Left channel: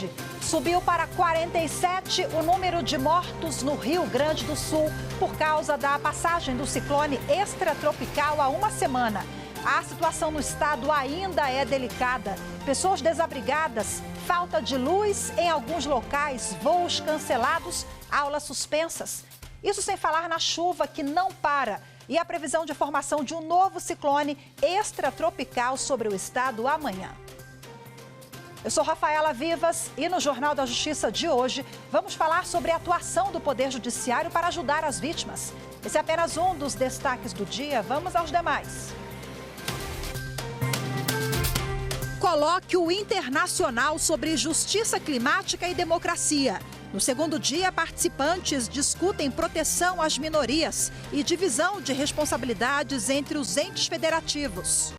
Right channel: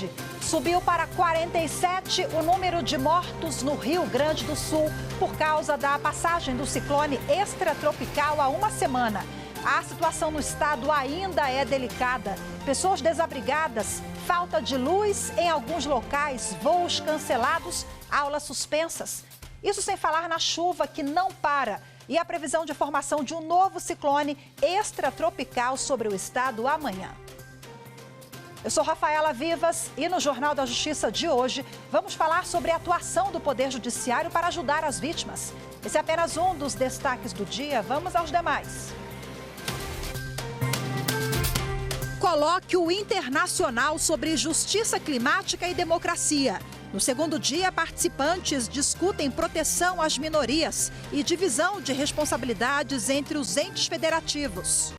tarde, subiu para 47 o número de mortos no Rio Grande do Sul por causa da passagem do ciclone extratropical há uma semana. A situação no estado ainda é delicada. Pessoas desabrigadas, falta de luz em alguns locais, voos cancelados, aulas suspensas. Isso sem falar na chuva que não para e a previsão de formação de um novo ciclone extratropical sobre o estado amanhã. Eu sou Rafaela Vivas e no Jornal da Justiça de hoje vamos falar sobre a atuação do Poder Judiciário para ajudar as vítimas. Esse é apenas um dos destaques do dia. Vamos aos demais. Colóquio Internacional sobre Justiça Climática e Democracia. No segundo dia, participantes discutem proteção às minorias e divisão de responsabilidades entre os entes federativos.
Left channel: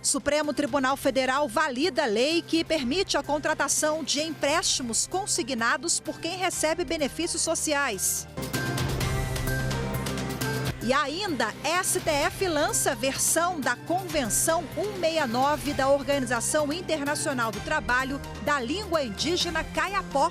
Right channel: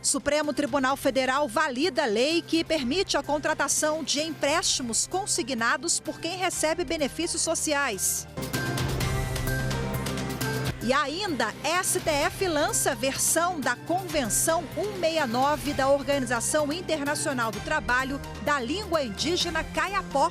Supremo Tribunal Federal valida lei que permite a contratação de empréstimos consignados por quem recebe benefícios sociais. E ainda, STF lança versão da Convenção 169 da Organização Internacional do Trabalho da Língua Indígena Kayapó.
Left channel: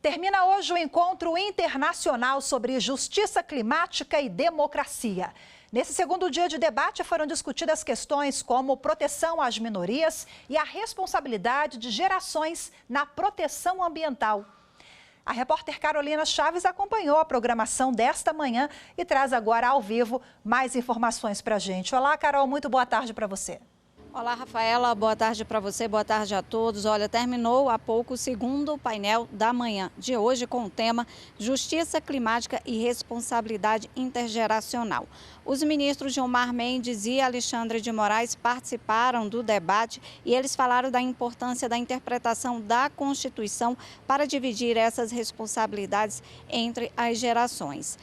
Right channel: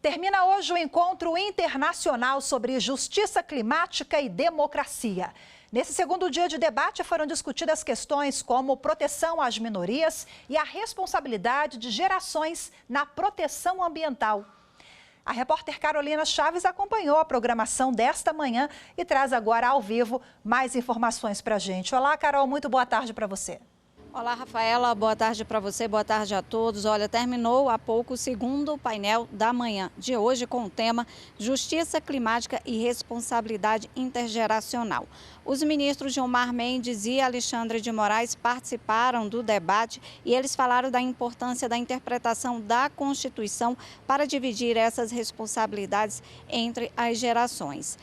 Termina hoje o encontro internacional sobre justiça climática e democracia. Nesse segundo dia de debate foram discutidas questões como proteção às minorias e a responsabilidade de gerações na proteção ambiental. A repórter Carolina Chaves acompanhou a programação desta manhã e traz agora ao vivo mais informações para a gente. Olá, Carol, muito boa tarde para você. Olá, Rafaela, boa tarde para você, boa tarde a todos. Olha, terminou há pouco o segundo painel da manhã de hoje com o tema Justiça Climática e Responsabilidade Intergeracional. Os ministros Gilmar Mendes e Alexandre de Moraes participaram do debate e eles falaram da importância da interpretação da Constituição para dividir essas responsabilidades entre as gerações.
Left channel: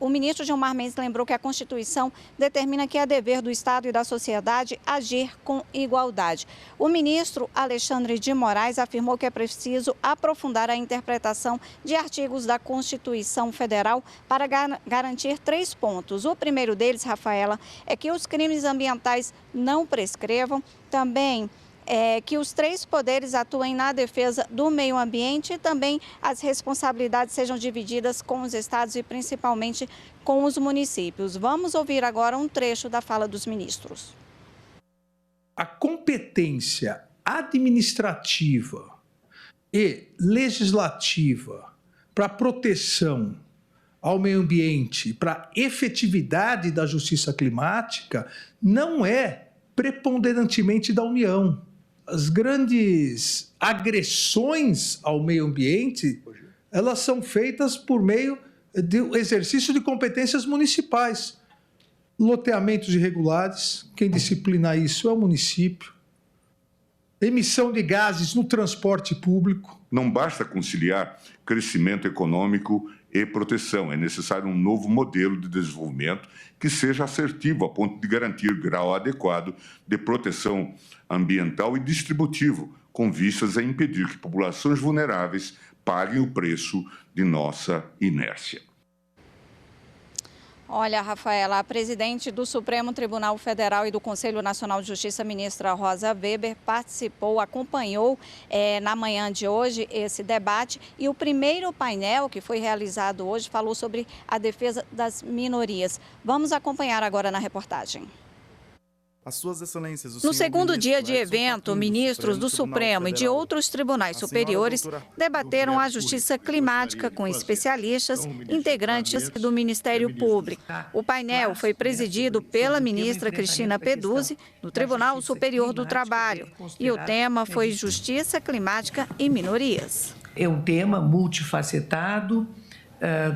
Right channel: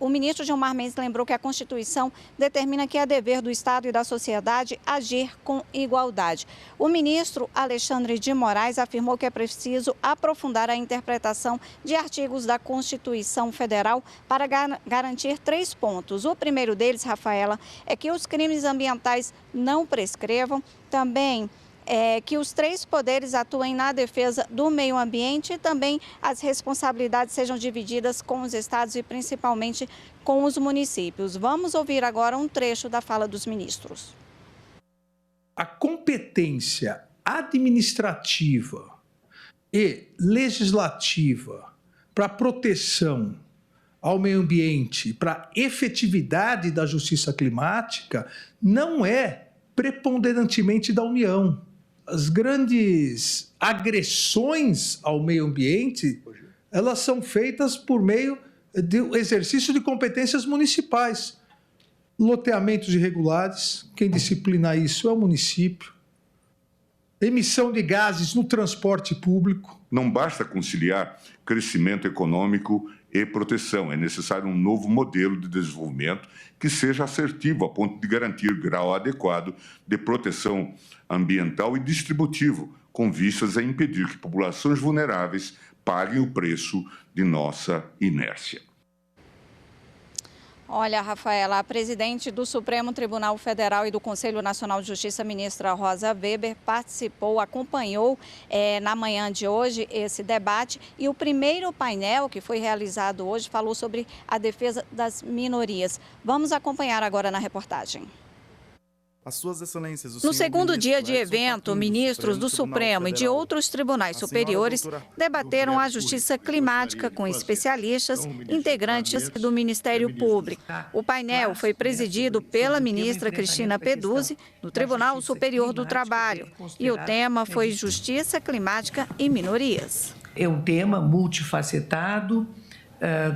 O ministro Gilmar Mendes lembrou que a Constituição determina que é dever do Estado e da sociedade agir com igualdade. O ministro Alexandre de Moraes afirmou que é preciso aprofundar a interpretação de artigos da Constituição Federal para garantir 3 pontos. O primeiro deles, Rafaela, é que os crimes ambientais não prescrevam, também que os 3 poderes atuem na defesa do meio ambiente e também as responsabilidades sejam divididas com os estados e principalmente com os municípios. Vamos ouvir agora um trecho da fala dos ministros. A competência administrativa e legislativa para proteção ao meio ambiente, para a efetividade da justiça climática, não é preponderantemente da União. As grandes agressões ao meio ambiente, elas são feitas por meio do exercício de competências municipais. Loteamentos irregulares, quem disciplina isso é o município. Emissão de gases no transporte público. Não basta conciliar crescimento econômico e proteção. É necessário um novo modelo de desenvolvimento que seja assertivo a ponto de garantir grau adequado de proteção ambiental e distributivo, com vistas a impedir que populações vulneráveis paguem o preço de nossa inércia. Olha, Rafaela, a presidente do Supremo Tribunal Federal e do Conselho Nacional de Justiça, ministra Rosa Weber, participou, acompanhou na manhã de hoje esse debate e o primeiro painel que foi realizado hoje falou sobre a defesa das minorias. Vamos acompanhar agora na reportagem. No segundo dia de evento, ministros do Supremo e de outros tribunais superiores debateram a justiça climática com especialistas, integrantes do Ministério Público. O painel foi presidido pela ministra Cristina Peduzzi, do Tribunal Superior do Trabalho, e o tema foi Justiça Climática e Minorias. É um tema multifacetado,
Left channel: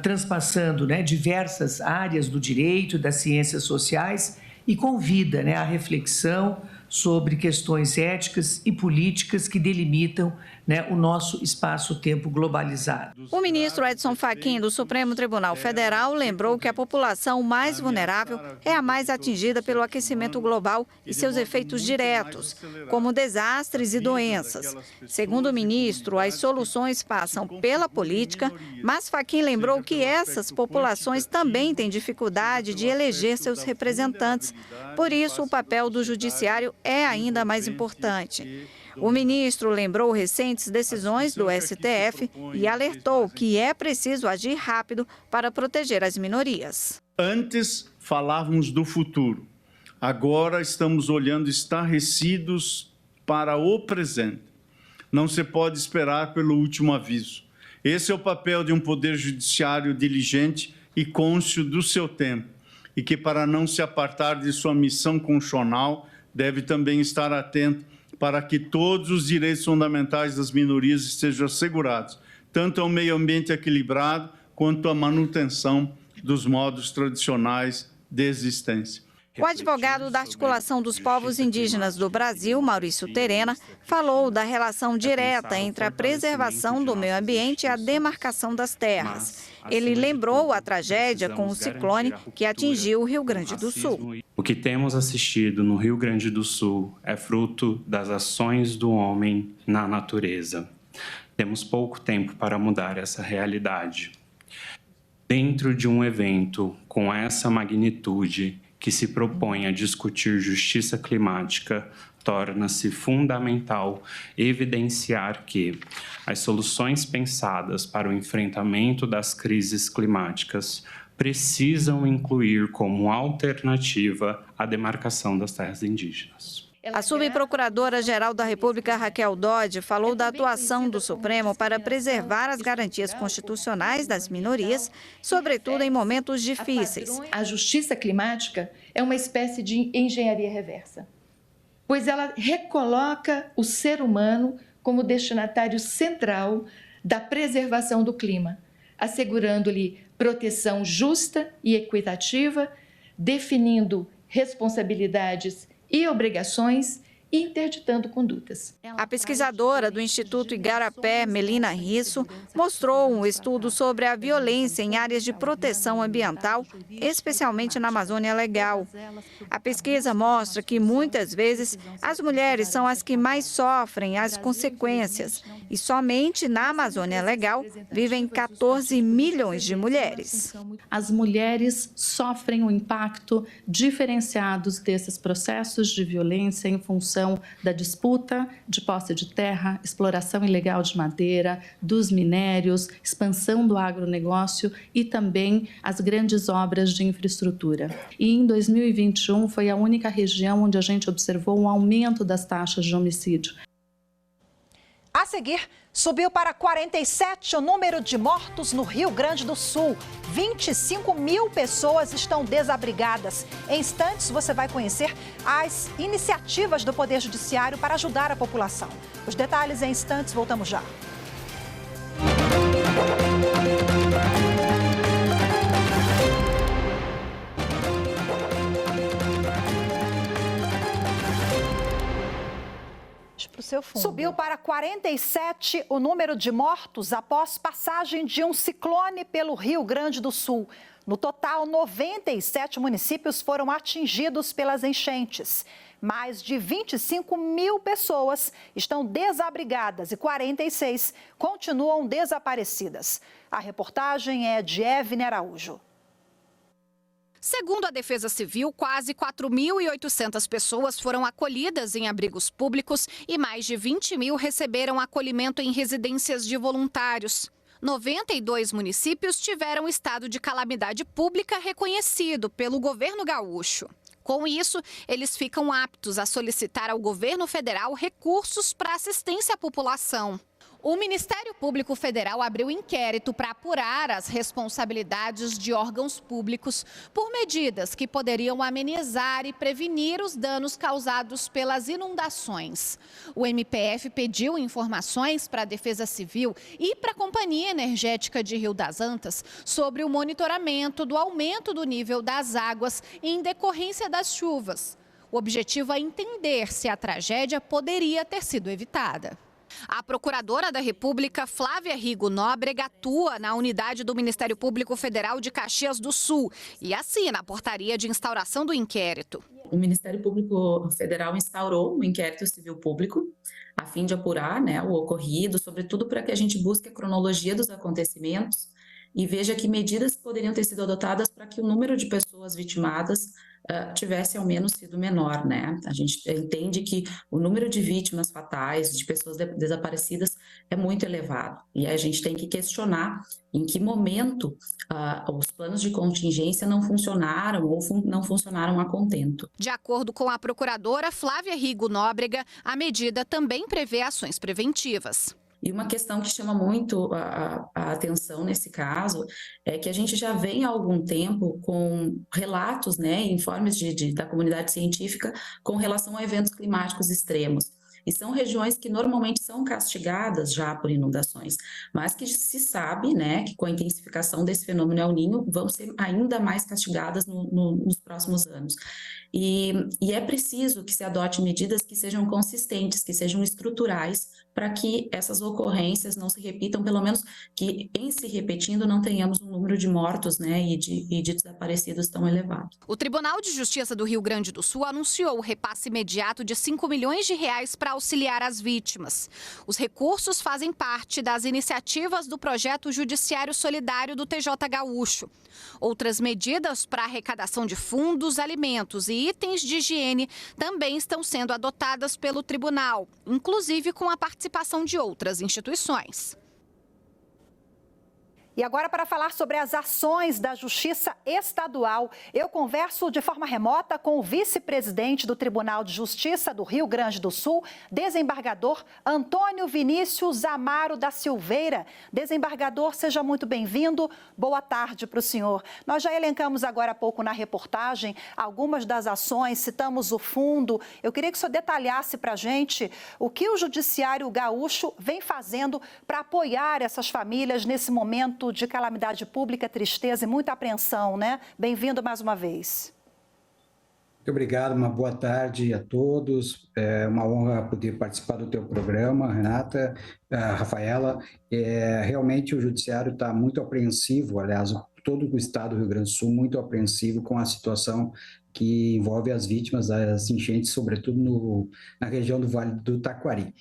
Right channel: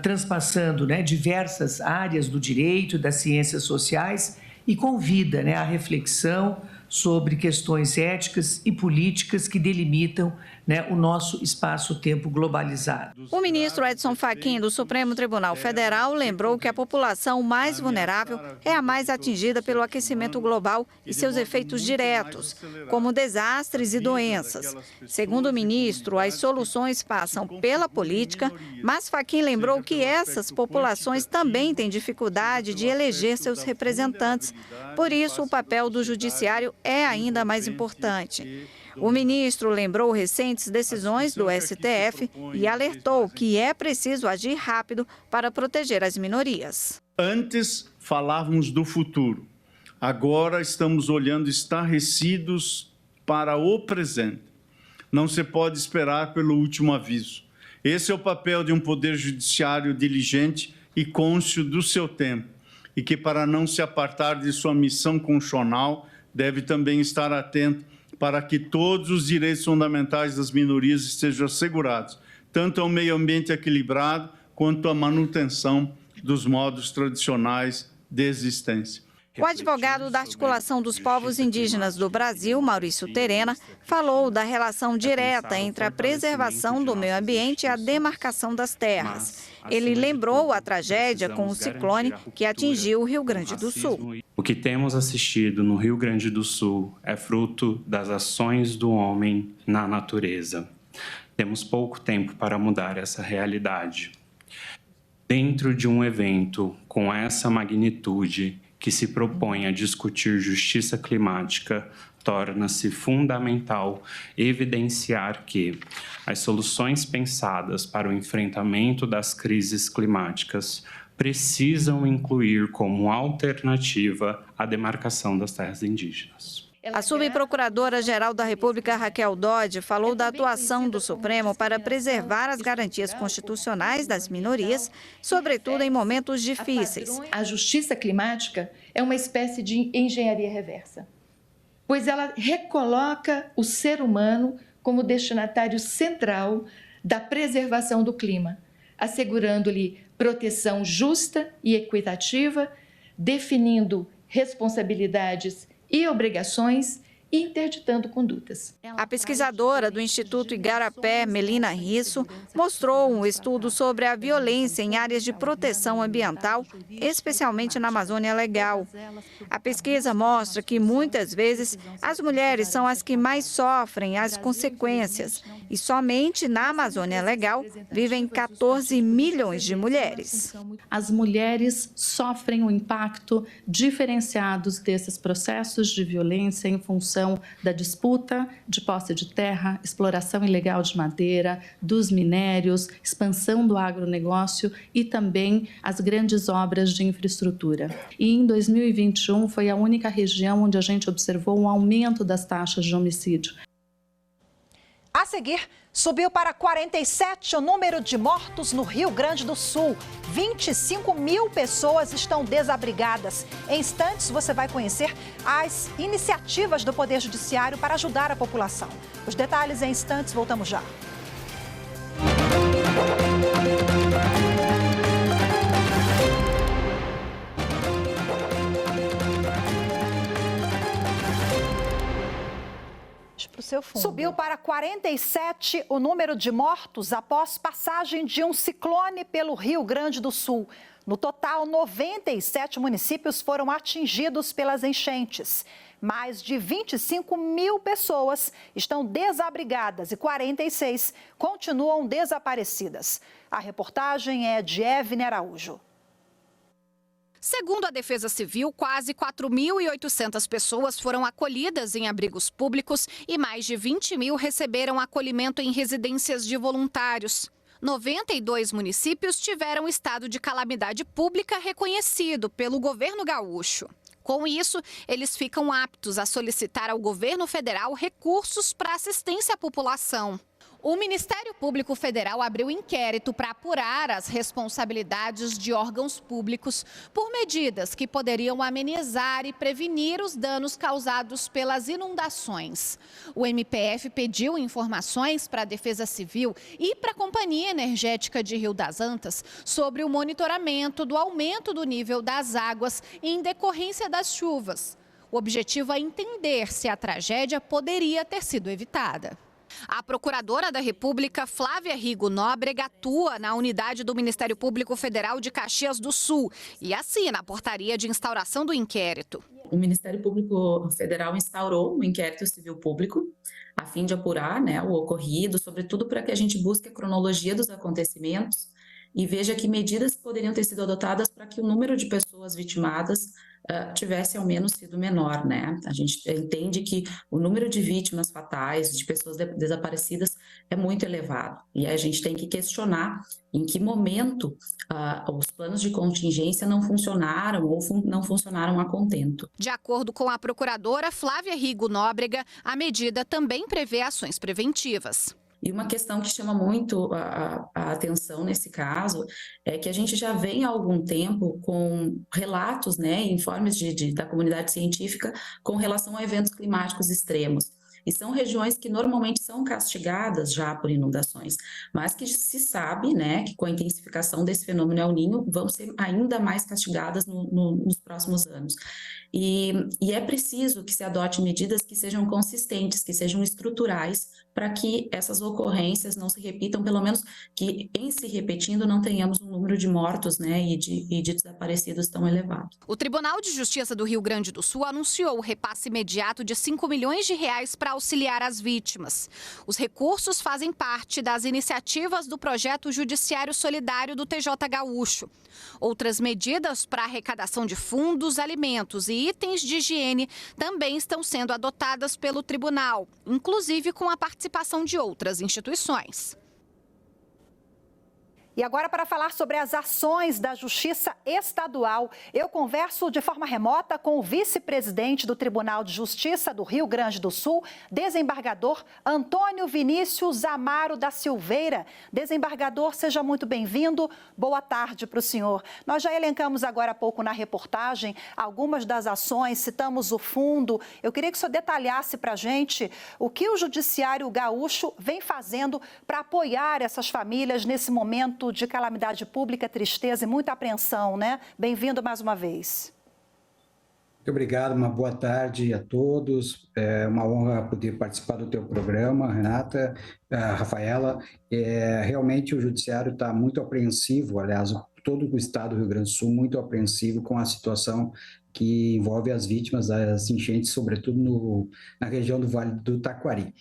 transpassando diversas áreas do direito, das ciências sociais, e convida à reflexão sobre questões éticas e políticas que delimitam, né, o nosso espaço-tempo globalizado. O ministro Edson Fachin, do Supremo Tribunal Federal, lembrou que a população mais vulnerável é a mais atingida pelo aquecimento global e seus efeitos diretos, como desastres e doenças. Segundo o ministro, as soluções passam pela política, mas Fachin lembrou que essas populações também têm dificuldade de eleger seus representantes. Por isso, o papel do judiciário é ainda mais importante. O ministro lembrou recentes decisões do STF e alertou que é preciso agir rápido para proteger as minorias. Antes falávamos do futuro, agora estamos olhando estarrecidos para o presente. Não se pode esperar pelo último aviso. Esse é o papel de um poder judiciário diligente e cônscio do seu tempo, e que, para não se apartar de sua missão constitucional, deve também estar atento para que todos os direitos fundamentais das minorias estejam assegurados, tanto ao meio ambiente equilibrado quanto à manutenção dos modos tradicionais de existência. O advogado da Articulação dos Povos Indígenas do Brasil, Maurício Terena, falou da relação direta entre a preservação do meio ambiente e a demarcação das terras. Ele lembrou a tragédia com o ciclone que atingiu o Rio Grande do Sul. O que temos assistido no Rio Grande do Sul é fruto das ações do homem na natureza. Temos pouco tempo para mudar essa realidade. Dentro de um evento com essa magnitude, que se propõe a discutir justiça climática, torna-se fundamental evidenciar que as soluções pensadas para o enfrentamento das crises climáticas precisam incluir como alternativa a demarcação das terras indígenas. A subprocuradora-geral da República, Raquel Dodge, falou da atuação do Supremo para preservar as garantias constitucionais das minorias, sobretudo em momentos difíceis. A justiça climática é uma espécie de engenharia reversa, pois ela recoloca o ser humano como destinatário central da preservação do clima, assegurando-lhe proteção justa e equitativa, definindo responsabilidades e obrigações e interditando condutas. A pesquisadora do Instituto Igarapé, Melina Risso, mostrou um estudo sobre a violência em áreas de proteção ambiental, especialmente na Amazônia Legal. A pesquisa mostra que, muitas vezes, as mulheres são as que mais sofrem as consequências e somente na Amazônia Legal vivem 14 milhões de mulheres. As mulheres sofrem um impacto diferenciado desses processos de violência em função da disputa de posse de terra, exploração ilegal de madeira, dos minérios, expansão do agronegócio e também as grandes obras de infraestrutura. E em 2021 foi a única região onde a gente observou um aumento das taxas de homicídio. A seguir, subiu para 47 o número de mortos no Rio Grande do Sul. 25 mil pessoas estão desabrigadas. Em instantes, você vai conhecer as iniciativas do Poder Judiciário para ajudar a população. Os detalhes em instantes, voltamos já. Subiu para 47 o número de mortos após passagem de um ciclone pelo Rio Grande do Sul. No total, 97 municípios foram atingidos pelas enchentes. Mais de 25 mil pessoas estão desabrigadas e 46 continuam desaparecidas. A reportagem é de Evne Araújo. Segundo a Defesa Civil, quase 4.800 pessoas foram acolhidas em abrigos públicos e mais de 20 mil receberam acolhimento em residências de voluntários. 92 municípios tiveram estado de calamidade pública reconhecido pelo governo gaúcho. Com isso, eles ficam aptos a solicitar ao governo federal recursos para assistência à população. O Ministério Público Federal abriu inquérito para apurar as responsabilidades de órgãos públicos por medidas que poderiam amenizar e prevenir os danos causados pelas inundações. O MPF pediu informações para a Defesa Civil e para a Companhia Energética de Rio das Antas sobre o monitoramento do aumento do nível das águas em decorrência das chuvas. O objetivo é entender se a tragédia poderia ter sido evitada. A procuradora da República, Flávia Rigo Nóbrega, atua na unidade do Ministério Público Federal de Caxias do Sul e assina a portaria de instauração do inquérito. O Ministério Público Federal instaurou um inquérito civil público a fim de apurar, o ocorrido, sobretudo para que a gente busque a cronologia dos acontecimentos e veja que medidas poderiam ter sido adotadas para que o número de pessoas vitimadas tivesse ao menos sido menor, A gente entende que o número de vítimas fatais, de pessoas desaparecidas, é muito elevado. E a gente tem que questionar em que momento os planos de contingência não funcionaram ou não funcionaram a contento. De acordo com a procuradora Flávia Rigo Nóbrega, a medida também prevê ações preventivas. E uma questão que chama muito a atenção nesse caso é que a gente já vem há algum tempo com relatos, informes da comunidade científica com relação a eventos climáticos extremos. E são regiões que normalmente são castigadas já por inundações, mas que se sabe, que com a intensificação desse fenômeno El Niño vão ser ainda mais castigadas nos próximos anos. E é preciso que se adote medidas que sejam consistentes, que sejam estruturais, para que essas ocorrências não se repitam, pelo menos que em se repetindo não tenhamos um número de mortos e de desaparecidos tão elevado. O Tribunal de Justiça do Rio Grande do Sul anunciou o repasse imediato de R$5 milhões para auxiliar as vítimas. Os recursos fazem parte das iniciativas do projeto Judiciário Solidário do TJ Gaúcho. Outras medidas para arrecadação de fundos, alimentos e itens de higiene também estão sendo adotadas pelo tribunal, inclusive com a participação de outras instituições. E agora, para falar sobre as ações da Justiça Estadual, eu converso de forma remota com o vice-presidente do Tribunal de Justiça do Rio Grande do Sul, desembargador Antônio Vinícius Amaro da Silveira. Desembargador, seja muito bem-vindo. Boa tarde para o senhor. Nós já elencamos agora há pouco na reportagem algumas das ações, citamos o fundo. Eu queria que o senhor detalhasse para a gente o que o Judiciário Gaúcho vem fazendo para apoiar essas famílias nesse momento de calamidade pública, tristeza e muita apreensão, Bem-vindo mais uma vez. Muito obrigado, uma boa tarde a todos. É uma honra poder participar do teu programa, Renata, Rafaela. Realmente o Judiciário está muito apreensivo, aliás, todo o Estado do Rio Grande do Sul muito apreensivo com a situação que envolve as vítimas das enchentes, sobretudo na região do Vale do Taquari.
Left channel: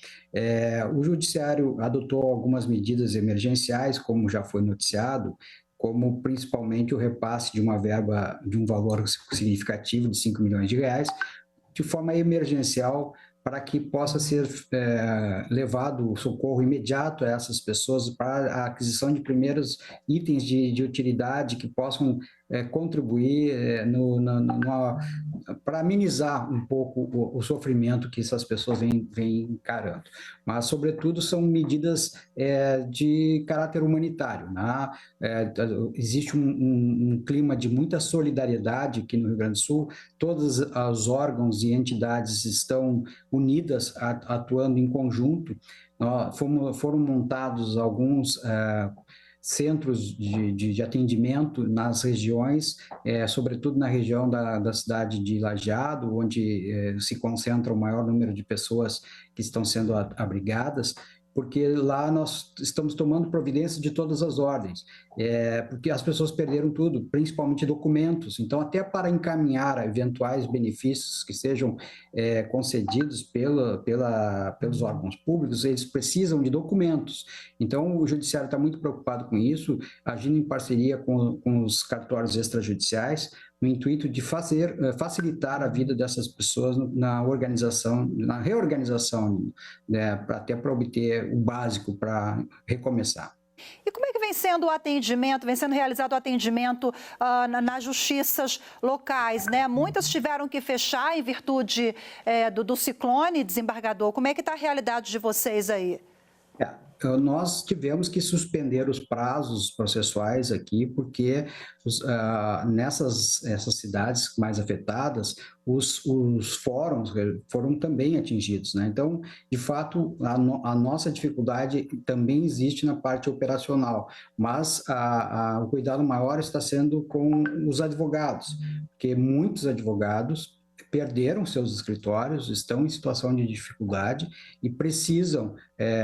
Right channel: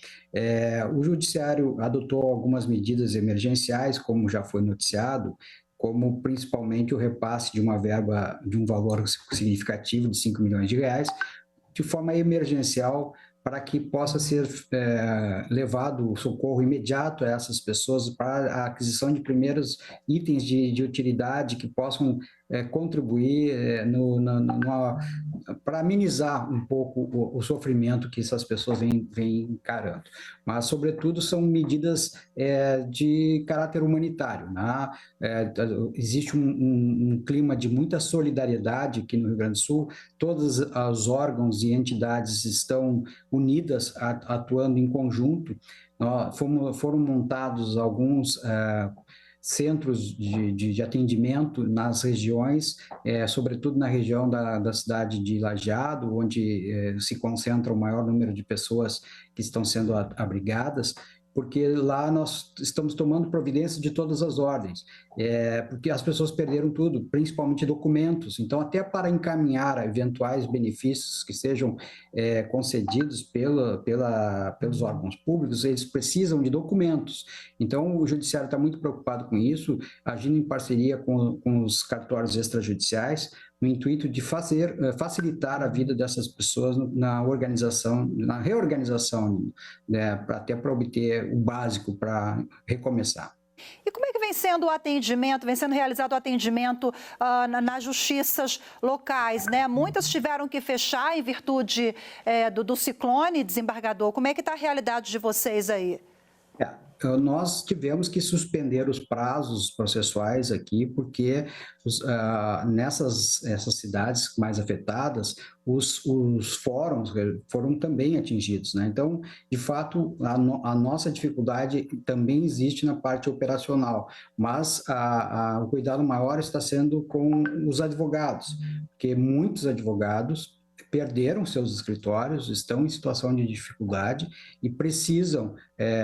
O Judiciário adotou algumas medidas emergenciais, como já foi noticiado, como principalmente o repasse de uma verba de um valor significativo de R$5 milhões, de forma emergencial, para que possa ser levado o socorro imediato a essas pessoas para a aquisição de primeiros itens de utilidade que possam contribuir para amenizar um pouco o sofrimento que essas pessoas vêm encarando. Mas, sobretudo, são medidas de caráter humanitário. Existe um clima de muita solidariedade aqui no Rio Grande do Sul, todos os órgãos e entidades estão unidas, atuando em conjunto. Foram montados alguns centros de atendimento nas regiões, sobretudo na região da cidade de Lajeado, onde se concentra o maior número de pessoas que estão sendo abrigadas, porque lá nós estamos tomando providência de todas as ordens, porque as pessoas perderam tudo, principalmente documentos. Então, até para encaminhar eventuais benefícios que sejam concedidos pelos órgãos públicos, eles precisam de documentos. Então, o Judiciário está muito preocupado com isso, agindo em parceria com os cartórios extrajudiciais, no intuito de facilitar a vida dessas pessoas na reorganização, até para obter o básico para recomeçar. E como é que vem sendo o atendimento, vem sendo realizado o atendimento nas justiças locais, Muitas tiveram que fechar em virtude do ciclone, desembargador. Como é que está a realidade de vocês aí? Nós tivemos que suspender os prazos processuais aqui, porque nessas cidades mais afetadas, os fóruns foram também atingidos, Então, de fato, a nossa dificuldade também existe na parte operacional, mas o cuidado maior está sendo com os advogados, porque muitos advogados perderam seus escritórios, estão em situação de dificuldade e precisam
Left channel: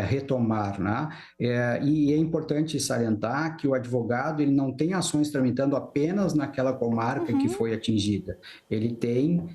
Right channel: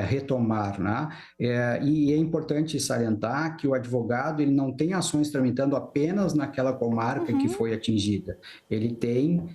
retomar, né? E é importante salientar que o advogado ele não tem ações tramitando apenas naquela comarca que foi atingida. Ele tem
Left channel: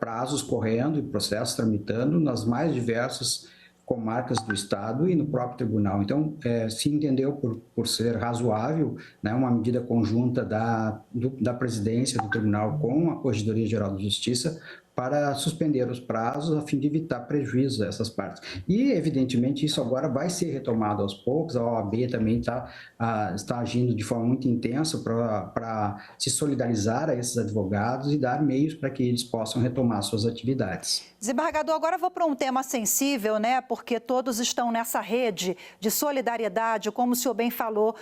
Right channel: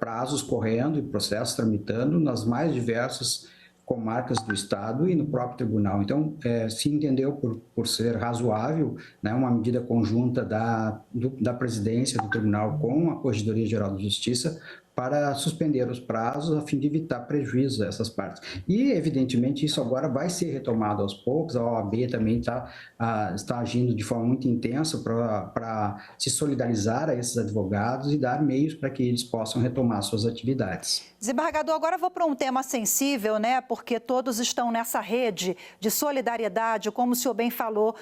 prazos correndo e processos tramitando nas mais diversas comarcas do Estado e no próprio tribunal. Então, se entendeu por ser razoável, né, uma medida conjunta da presidência do tribunal com a Corregedoria Geral da Justiça para suspender os prazos a fim de evitar prejuízo a essas partes. E, evidentemente, isso agora vai ser retomado aos poucos, a OAB também está agindo de forma muito intensa para se solidarizar a esses advogados e dar meios para que eles possam retomar suas atividades. Desembargador, agora eu vou para um tema sensível, né? Porque todos estão nessa rede de solidariedade, como o senhor bem falou,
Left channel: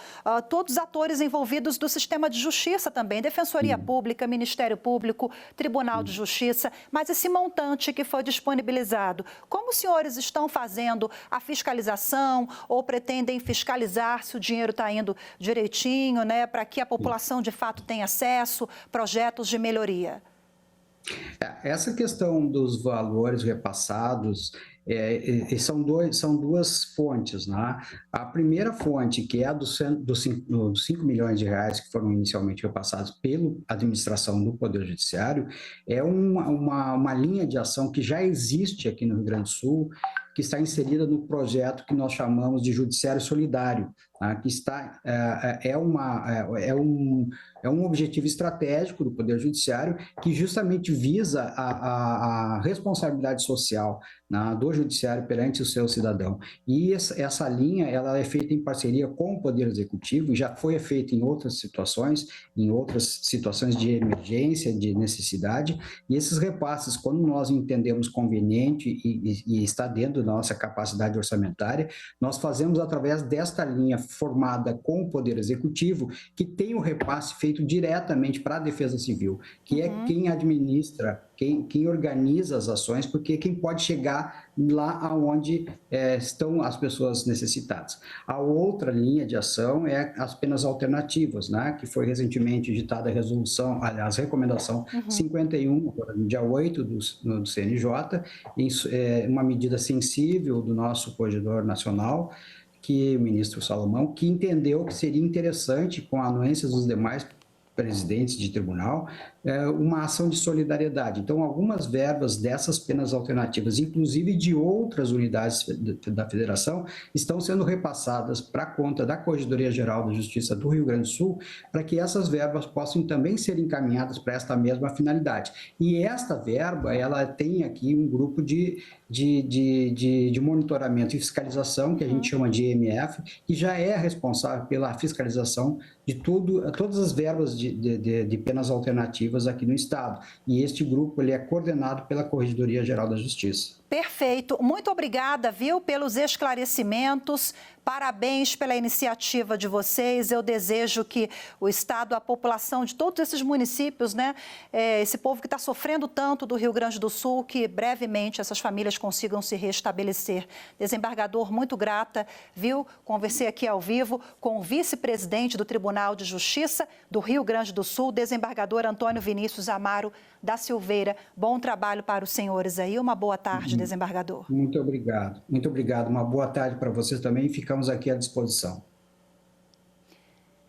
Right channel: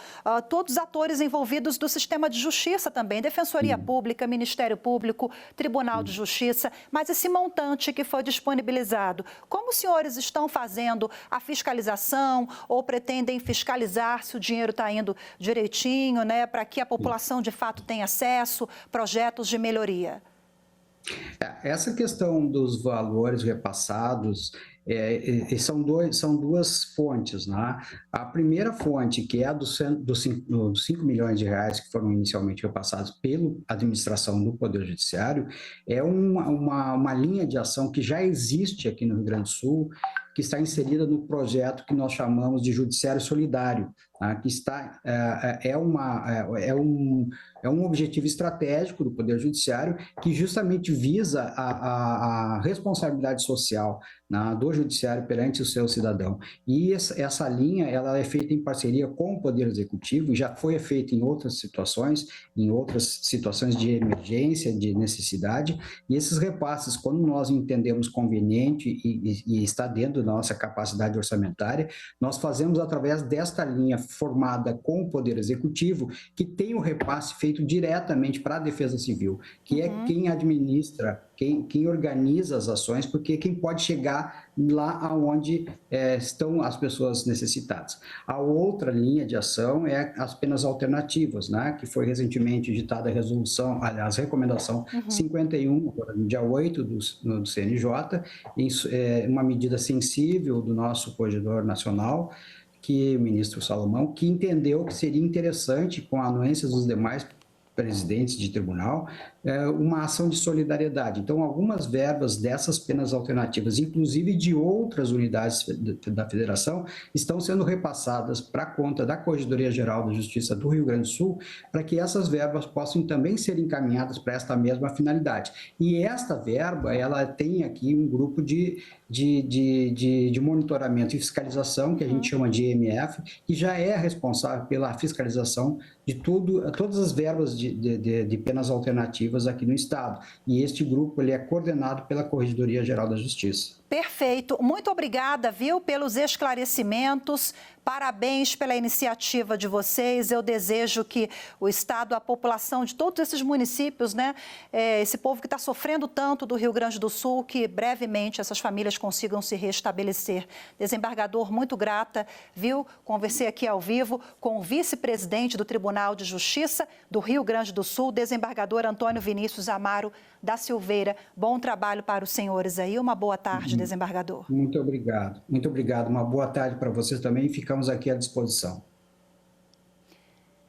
todos os atores envolvidos do sistema de justiça também, Defensoria Pública, Ministério Público, Tribunal de Justiça, mas esse montante que foi disponibilizado, como os senhores estão fazendo a fiscalização ou pretendem fiscalizar se o dinheiro está indo direitinho, né? Para que a população de fato tenha acesso, projetos de melhoria? Essa questão dos valores repassados são duas fontes, né? A primeira fonte, que é a dos 5 milhões de reais que foram inicialmente repassados pela administração do Poder Judiciário, é uma linha de ação que já existe aqui no Rio Grande do Sul, que está inserida no projeto que nós chamamos de Judiciário Solidário, tá? Que é um objetivo estratégico do Poder Judiciário que justamente visa a responsabilidade social, né, do Judiciário perante o seu cidadão. E essa linha ela é feita em parceria com o Poder Executivo e já foi feita em outras situações de emergência, de necessidade, e esses repasses, quando nós entendemos conveniente e está dentro da nossa capacidade orçamentária, nós fazemos através desta linha formada com o Poder Executivo, que tem o repasse feito diretamente para a Defesa Civil, que é quem administra, quem organiza as ações, porque quem pode chegar lá aonde estão as pessoas necessitadas. A outra linha de ação é as penas alternativas, né, que foi recentemente editada a recomendação 51, no dia 8 do CNJ, uma medida sensível do nosso Corregedor Nacional, que o ministro Salomão, que entendeu que seria interessante, com a anuência dos demais presidentes de tribunal, uma ação de solidariedade. Então, algumas verbas dessas penas alternativas, inclusive de outras unidades da federação, estão sendo repassadas para a conta da Corregedoria Geral da Justiça do Rio Grande do Sul, para que essas verbas possam também ser encaminhadas para esta mesma finalidade. E esta verba, ela tem aqui um grupo de monitoramento e fiscalização, que a gente chama de EMF, que já é responsável pela fiscalização de todas as verbas de penas alternativas aqui no Estado. E este grupo ele é coordenado pela Corregedoria Geral da Justiça. Perfeito. Muito obrigada, viu, pelos esclarecimentos. Parabéns pela iniciativa de vocês. Eu desejo que o Estado, a população de todos esses municípios, né, esse povo que está sofrendo tanto do Rio Grande do Sul, que brevemente essas famílias consigam se restabelecer. Desembargador, muito grata, viu? Conversei aqui ao vivo com o vice-presidente do Tribunal de Justiça do Rio Grande do Sul, desembargador Antônio Vinícius Amaro da Silveira. Bom trabalho para os senhores aí. Uma boa tarde, desembargador. Muito obrigado. Muito obrigado. Uma boa tarde para vocês também. Ficamos aqui à disposição.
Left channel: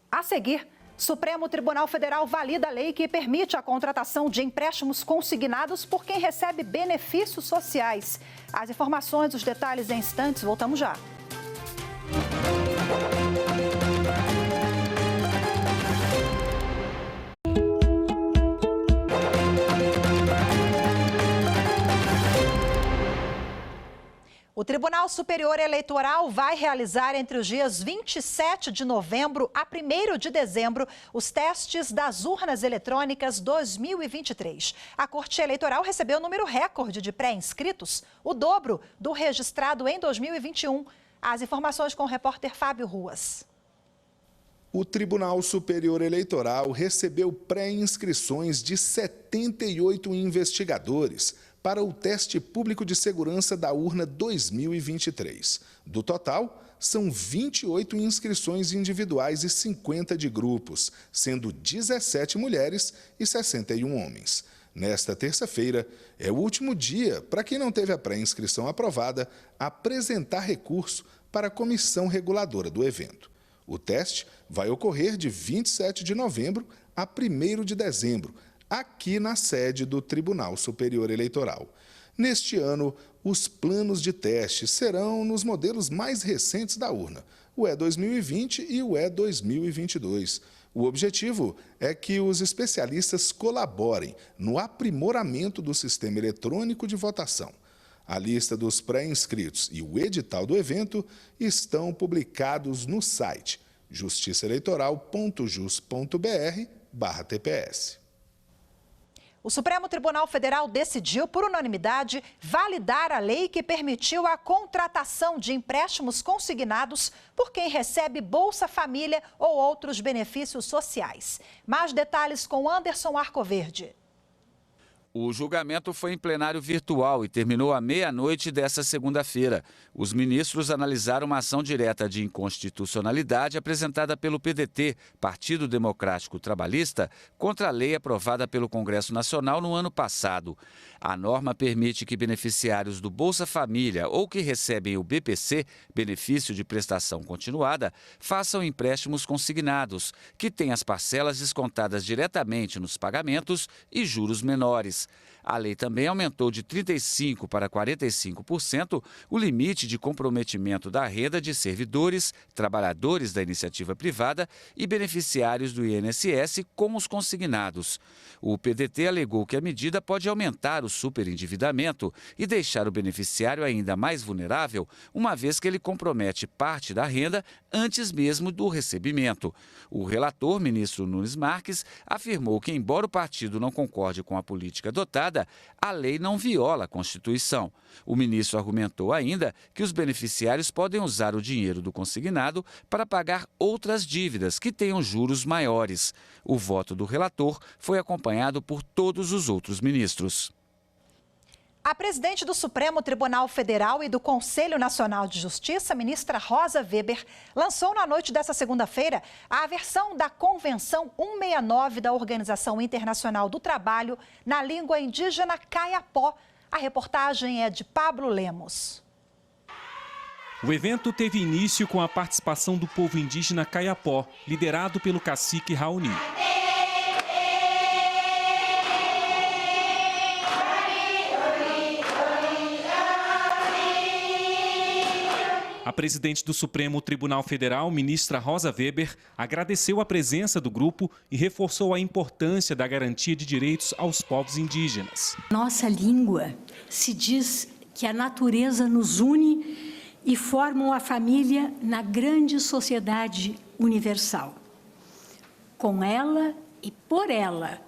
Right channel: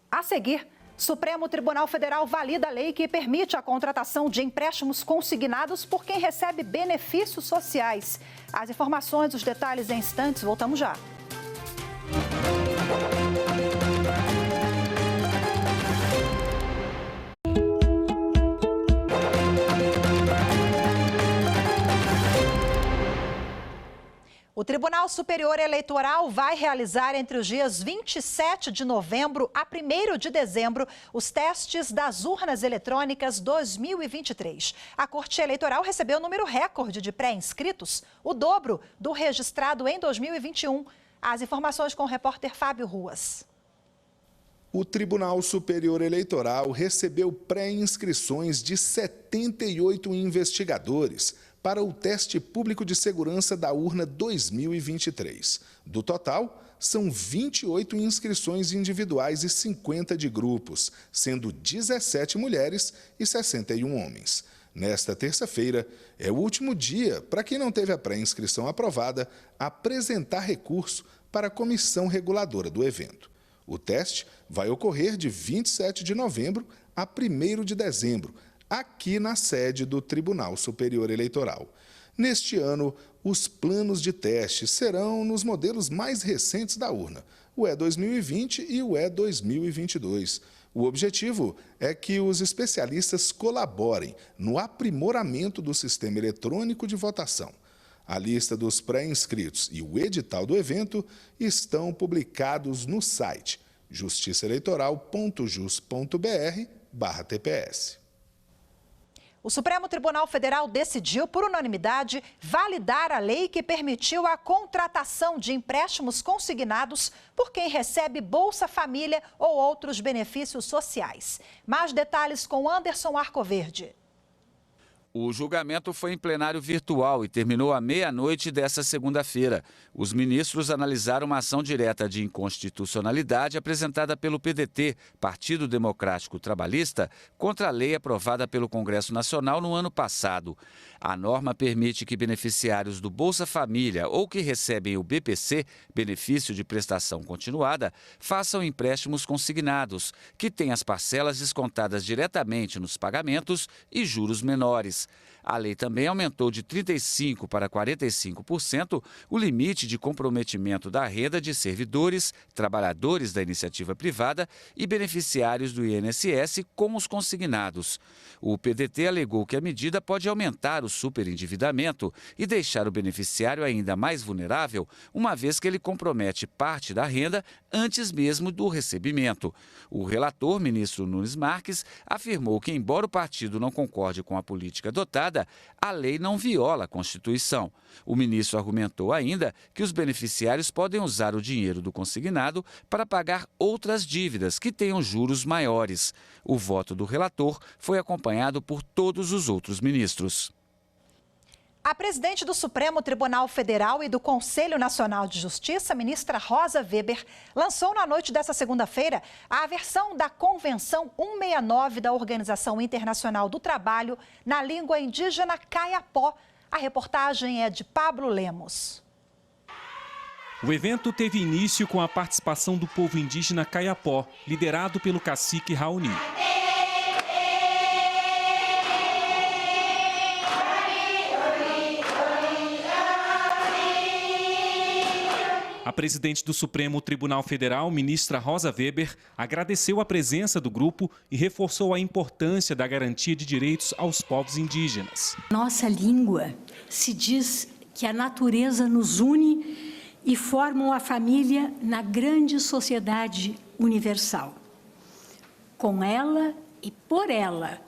A seguir, Supremo Tribunal Federal valida a lei que permite a contratação de empréstimos consignados por quem recebe benefícios sociais. As informações, os detalhes em instantes. Voltamos já. O Tribunal Superior Eleitoral vai realizar entre os dias 27 de novembro a 1º de dezembro os testes das urnas eletrônicas 2023. A Corte Eleitoral recebeu o número recorde de pré-inscritos, o dobro do registrado em 2021. As informações com o repórter Fábio Ruas. O Tribunal Superior Eleitoral recebeu pré-inscrições de 78 investigadores para o teste público de segurança da urna 2023. Do total, são 28 inscrições individuais e 50 de grupos, sendo 17 mulheres e 61 homens. Nesta terça-feira, é o último dia para quem não teve a pré-inscrição aprovada apresentar recurso para a comissão reguladora do evento. O teste vai ocorrer de 27 de novembro a 1º de dezembro, aqui na sede do Tribunal Superior Eleitoral. Neste ano, os planos de teste serão nos modelos mais recentes da urna, o E2020 e o E2022. O objetivo é que os especialistas colaborem no aprimoramento do sistema eletrônico de votação. A lista dos pré-inscritos e o edital do evento estão publicados no site justiçaeleitoral.jus.br/TPS. O Supremo Tribunal Federal decidiu, por unanimidade, validar a lei que permitiu a contratação de empréstimos consignados por quem recebe Bolsa Família ou outros benefícios sociais. Mais detalhes com Anderson Arcoverde. O julgamento foi em plenário virtual e terminou à meia-noite desta segunda-feira. Os ministros analisaram uma ação direta de inconstitucionalidade apresentada pelo PDT, Partido Democrático Trabalhista, contra a lei aprovada pelo Congresso Nacional no ano passado. A norma permite que beneficiários do Bolsa Família ou que recebem o BPC, Benefício de Prestação Continuada, façam empréstimos consignados, que têm as parcelas descontadas diretamente nos pagamentos e juros menores. A lei também aumentou de 35% para 45% o limite de comprometimento da renda de servidores, trabalhadores da iniciativa privada e beneficiários do INSS com os consignados. O PDT alegou que a medida pode aumentar o superendividamento e deixar o beneficiário ainda mais vulnerável, uma vez que ele compromete parte da renda antes mesmo do recebimento. O relator, ministro Nunes Marques, afirmou que, embora o partido não concorde com a política adotada, a lei não viola a Constituição. O ministro argumentou ainda que os beneficiários podem usar o dinheiro do consignado para pagar outras dívidas que tenham juros maiores. O voto do relator foi acompanhado por todos os outros ministros. A presidente do Supremo Tribunal Federal e do Conselho Nacional de Justiça, ministra Rosa Weber, lançou na noite desta segunda-feira a versão da Convenção 169 da Organização Internacional do Trabalho na língua indígena Kayapó. A reportagem é de Pablo Lemos. O evento teve início com a participação do povo indígena Kayapó, liderado pelo cacique Raoni. A presidente do Supremo Tribunal Federal, ministra Rosa Weber, agradeceu a presença do grupo e reforçou a importância da garantia de direitos aos povos indígenas. Nossa língua se diz que a natureza nos une e forma uma família na grande sociedade universal. Com ela e por ela,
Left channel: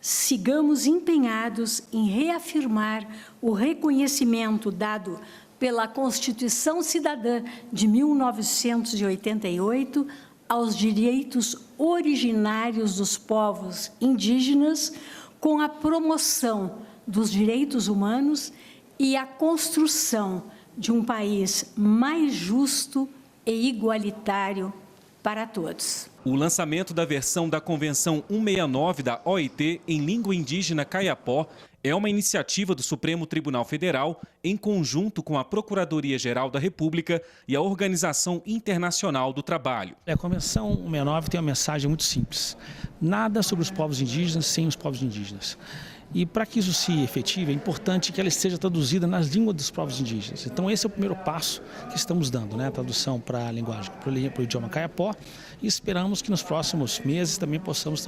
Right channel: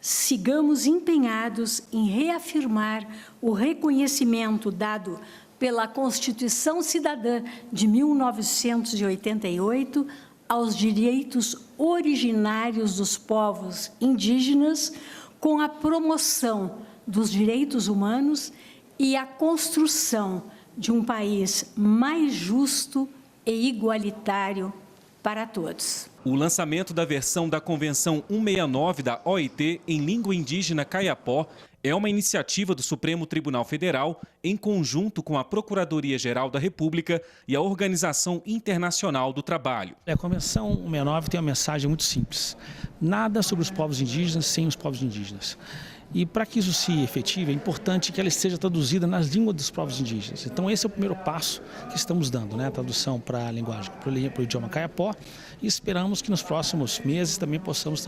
sigamos empenhados em reafirmar o reconhecimento dado pela Constituição Cidadã de 1988 aos direitos originários dos povos indígenas, com a promoção dos direitos humanos e a construção de um país mais justo e igualitário para todos. O lançamento da versão da Convenção 169 da OIT em língua indígena Kayapó é uma iniciativa do Supremo Tribunal Federal em conjunto com a Procuradoria-Geral da República e a Organização Internacional do Trabalho. A Convenção 169 tem uma mensagem muito simples: nada sobre os povos indígenas sem os povos indígenas. E para que isso se efetive, é importante que ela esteja traduzida nas línguas dos povos indígenas. Então esse é o primeiro passo que estamos dando, né? A tradução para a linguagem, para o idioma Kayapó, e esperamos que nos próximos meses também possamos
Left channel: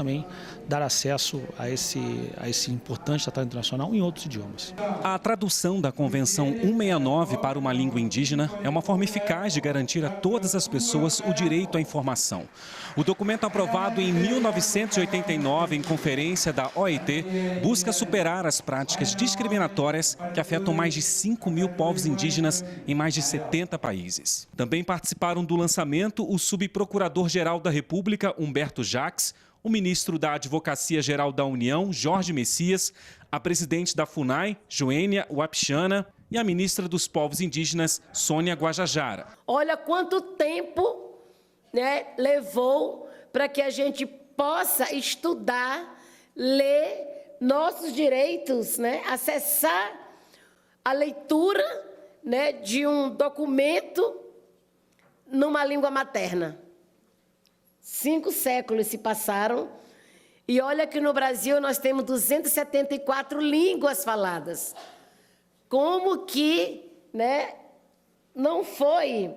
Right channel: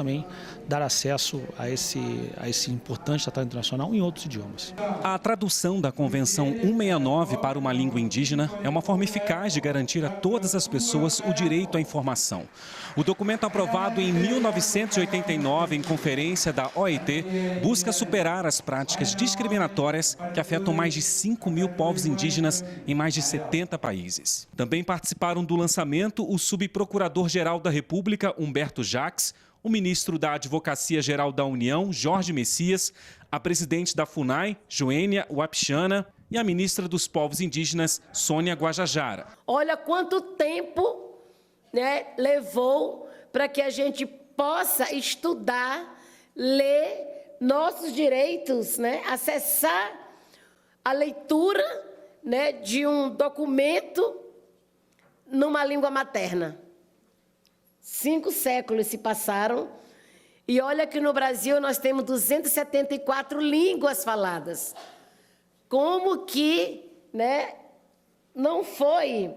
dar acesso a esse importante tratado internacional em outros idiomas. A tradução da Convenção 169 para uma língua indígena é uma forma eficaz de garantir a todas as pessoas o direito à informação. O documento aprovado em 1989 em conferência da OIT busca superar as práticas discriminatórias que afetam mais de 5.000 povos indígenas em mais de 70 países. Também participaram do lançamento o subprocurador-geral da República, Humberto Jacques, o ministro da Advocacia-Geral da União, Jorge Messias, a presidente da FUNAI, Joênia Wapichana, e a ministra dos Povos Indígenas, Sônia Guajajara. Olha quanto tempo, levou para que a gente possa estudar, ler, nossos direitos, né, acessar a leitura, né, de um documento numa língua materna. 5 séculos se passaram e olha que no Brasil nós temos 274 línguas faladas. Como que, né, não foi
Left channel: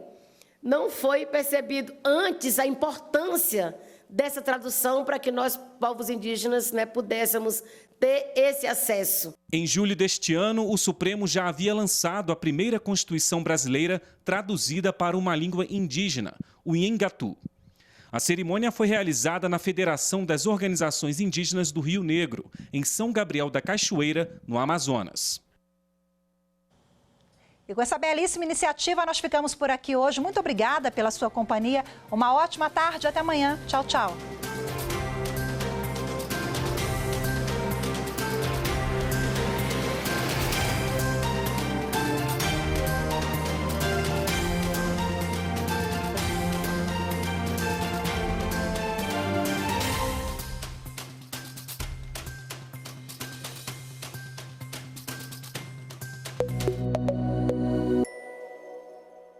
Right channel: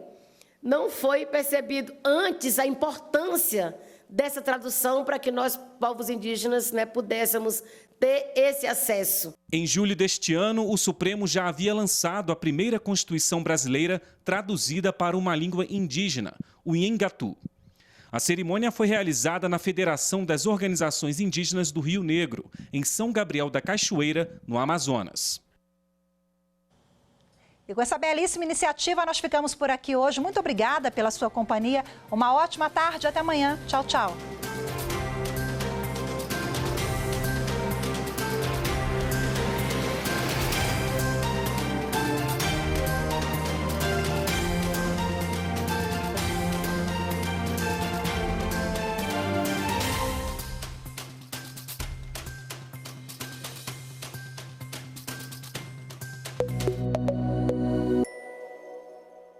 percebido antes a importância dessa tradução para que nós, povos indígenas, né, pudéssemos ter esse acesso. Em julho deste ano, o Supremo já havia lançado a primeira Constituição brasileira traduzida para uma língua indígena, o Nhengatu. A cerimônia foi realizada na Federação das Organizações Indígenas do Rio Negro, em São Gabriel da Cachoeira, no Amazonas. E com essa belíssima iniciativa, nós ficamos por aqui hoje. Muito obrigada pela sua companhia. Uma ótima tarde. Até amanhã. Tchau, tchau.